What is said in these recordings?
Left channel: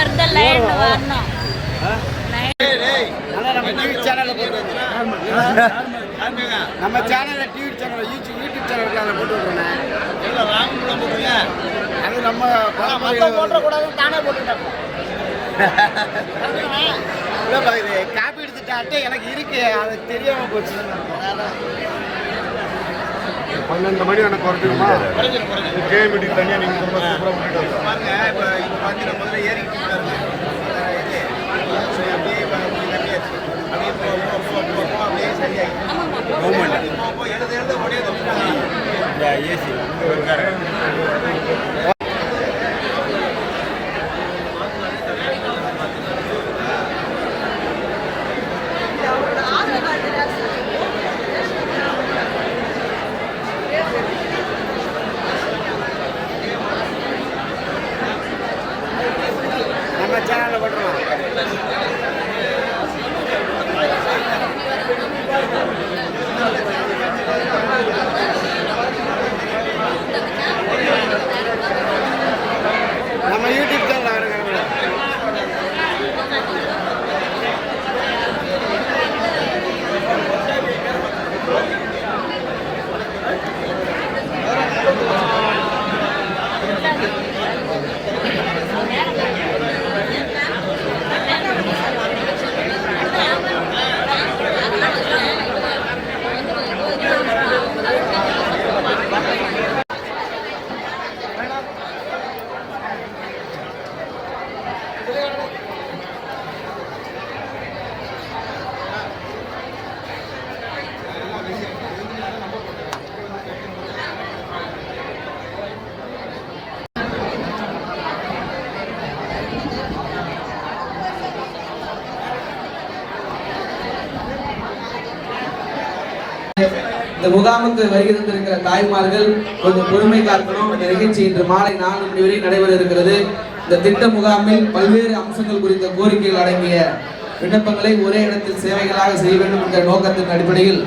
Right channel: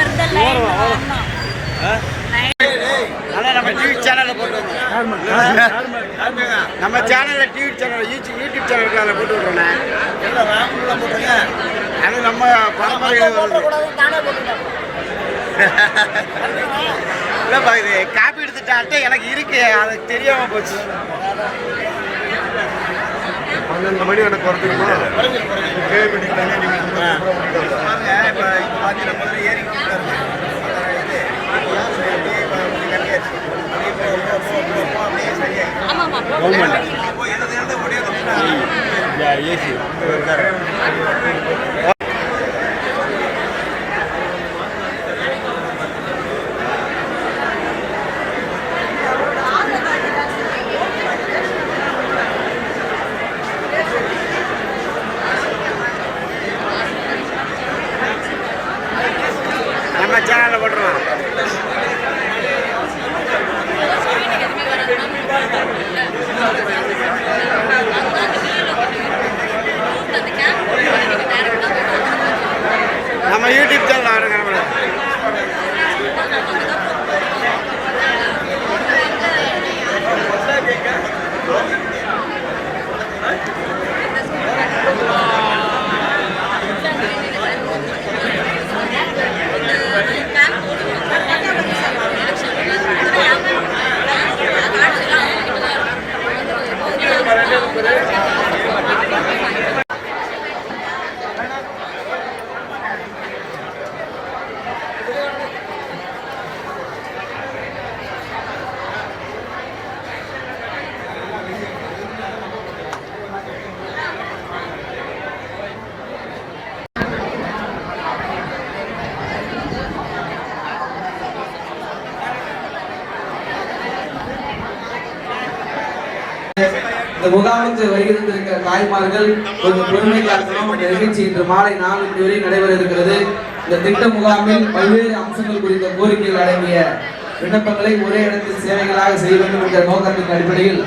இருந்த நம்ம டிவி சேனல்ல போட்டு நம்ம சேனல்ல டிவி சேனல் யூடியூப் சேனல் அதில் போட்டு விட்றோண்ணே அது நம்ம இல்லைப்பா இது காப்பி எடுத்துட்டாட்டு எனக்கு இருக்கு அது தெரியாம போச்சு பன்னெண்டு மணி எனக்கு குறைஞ்சிருமா கேள்வி ஏசி நம்ம சேனலில் போட்டுருவோம் நம்ம யூடியூப் சேனல் வருங்க நம்மள இந்த முகாமுக்கு வருகிறந்திருக்கிற தாய்மார்கள் கொஞ்சம் பெருமை காக்கணும் இந்த நிகழ்ச்சி இன்று மாலை நாலு மணி வரை நடைபெற இருக்கிறது. இந்த திட்ட முகாமில் பல்வேறு அம்சங்கள் குறித்த கோரிக்கைகள் அடங்கிய விண்ணப்பங்களை ஒரே இடத்தில் சேவைகளாக செய்ய வேண்டும் என்ற நோக்கத்தின் அடிப்படையில்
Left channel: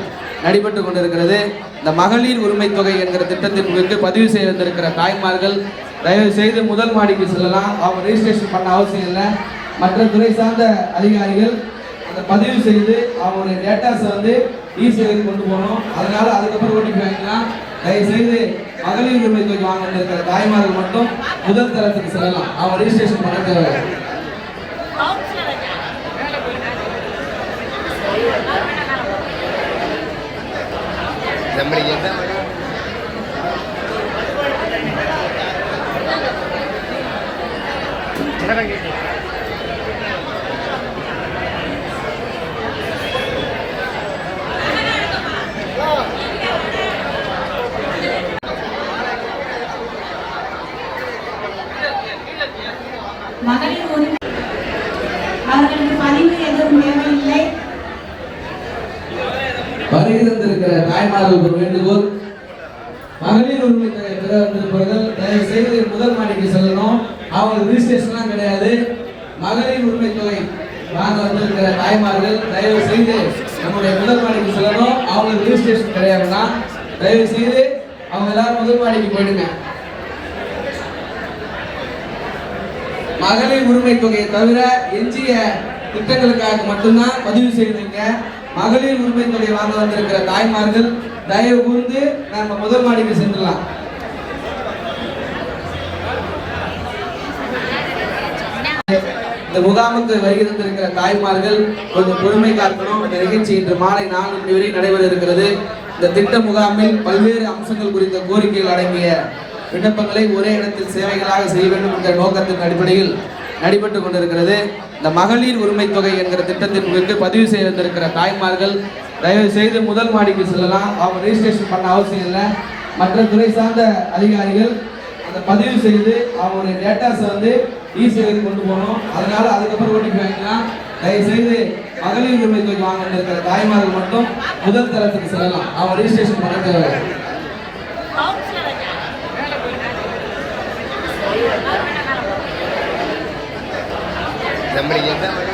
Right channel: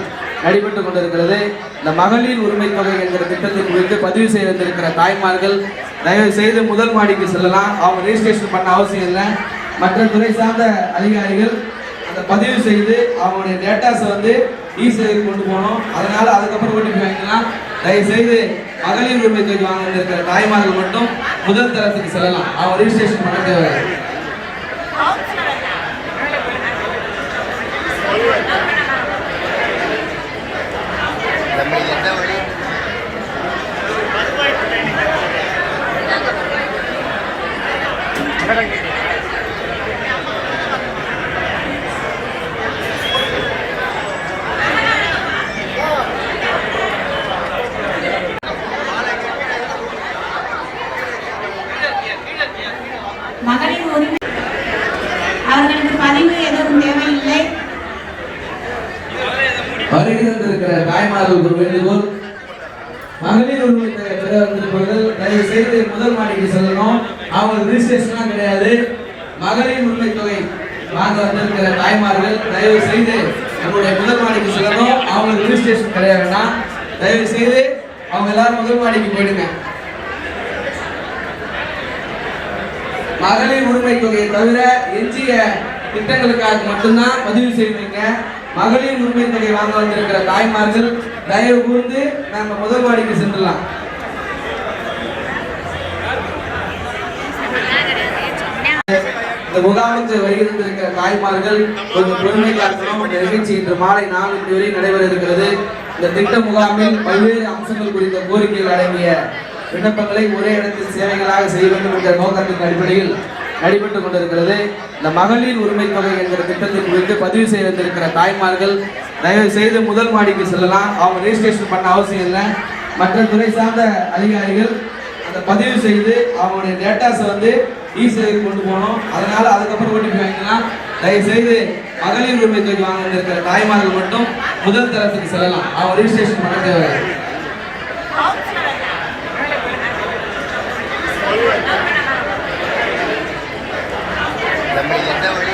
நடைபெற்றுக் கொண்டிருக்கிறது. இந்த மகளிர் உரிமை தொகை என்கிற திட்டத்தின் குறித்து பதிவு செய்ய வந்திருக்கிற தாய்மார்கள் தயவு செய்து முதல் மாடிக்கு செல்லலாம். அவங்க ரெஜிஸ்ட்ரேஷன் பண்ண அவசியம் இல்லை. மற்ற துறை சார்ந்த அதிகாரிகள் அந்த பதிவு செய்து அவங்களுடைய டேட்டாஸை வந்து இசேவைக்கு கொண்டு போனோம். அதனால அதுக்கப்புறம் ஓடிபி வாங்கிக்கலாம் தயவு செய்து மகளிர் உரிமை தொகை வாங்கிட்டு இருக்கிற தாய்மார்கள் மட்டும் முதல் தரத்துக்கு செல்லலாம். அவன் ரெஜிஸ்ட்ரேஷன் பண்ண தேவை மகளிர் உரிமை அவர்களுக்கு பதிவு எதுவும் தேவையில்லை வருகிறது ஒரு வேண்டுகோள். மகளிர் உரிமை தொகை வந்திருப்பவர்கள் தயவு செய்து முதல் மாடிக்கு செல்லணும். அவங்க ரிஜிஸ்ட்ரேஷன்லாம் கிடையாது. மகளிர் உரிமை தொகை வாங்க வந்திருக்கிற தாய்மார்கள் தயவு செய்து நம்மளுடைய முதல் மாடிக்கு செல்லணும். அவங்களுக்கு ரிஜிஸ்ட்ரேஷன் கிடையாதுன்னா தயவு செய்து அவங்க எல்லாரும் முதல் மாடிக்கு போயிடுங்க. மகளிர் உரிமை தொகையை தவிர எஞ்சிய திட்டங்களுக்காக மட்டும்தான் பதிவு செய்வீங்க. மகளிர் உரிமை தொகை வாங்க வந்திருக்கிற தாய்மார்கள் தயவு கூர்ந்து நம்ம முதல் மாடிக்கு சென்றலாம் இந்த முகாமுக்கு இருக்கிற தாய்மார்கள் கொஞ்சம் பெருமை காக்கணும். இந்த நிகழ்ச்சி இன்று மாலை நாலு மணி வரை நடைபெற இருக்கிறது. இந்த திட்ட முகாமில் பல்வேறு அம்சங்கள் குறித்த கோரிக்கைகள் அடங்கிய விண்ணப்பங்களை ஒரே இடத்தில் சேவைகளாக செய்ய வேண்டும் என்ற நோக்கத்தின் அடிப்படையில் நடைபெற்றுக் கொண்டிருக்கிறது. இந்த மகளிர் உரிமை தொகை என்கிற திட்டத்தின் குறித்து பதிவு செய்திருக்கிற தாய்மார்கள் தயவு செய்து முதல் மாடிக்கு செல்லலாம். அவங்க ரெஜிஸ்ட்ரேஷன் பண்ண அவசியம் இல்லை. மற்ற துறை சார்ந்த அதிகாரிகள் அந்த பதிவு செய்து அவங்களுடைய டேட்டாஸை வந்து ஈஸியாக கொண்டு போகணும். அதனால அதுக்கப்புறம் ஓட்டி வாங்கிக்கலாம். தயவு செய்து மகளிர் உரிமை தொகை வாங்கிட்டு இருக்கிற தாய்மார்கள் மட்டும் முதல் தரத்துக்கு செல்லலாம். அவங்க ரெஜிஸ்ட்ரேஷன் பண்ண தேவை என்ன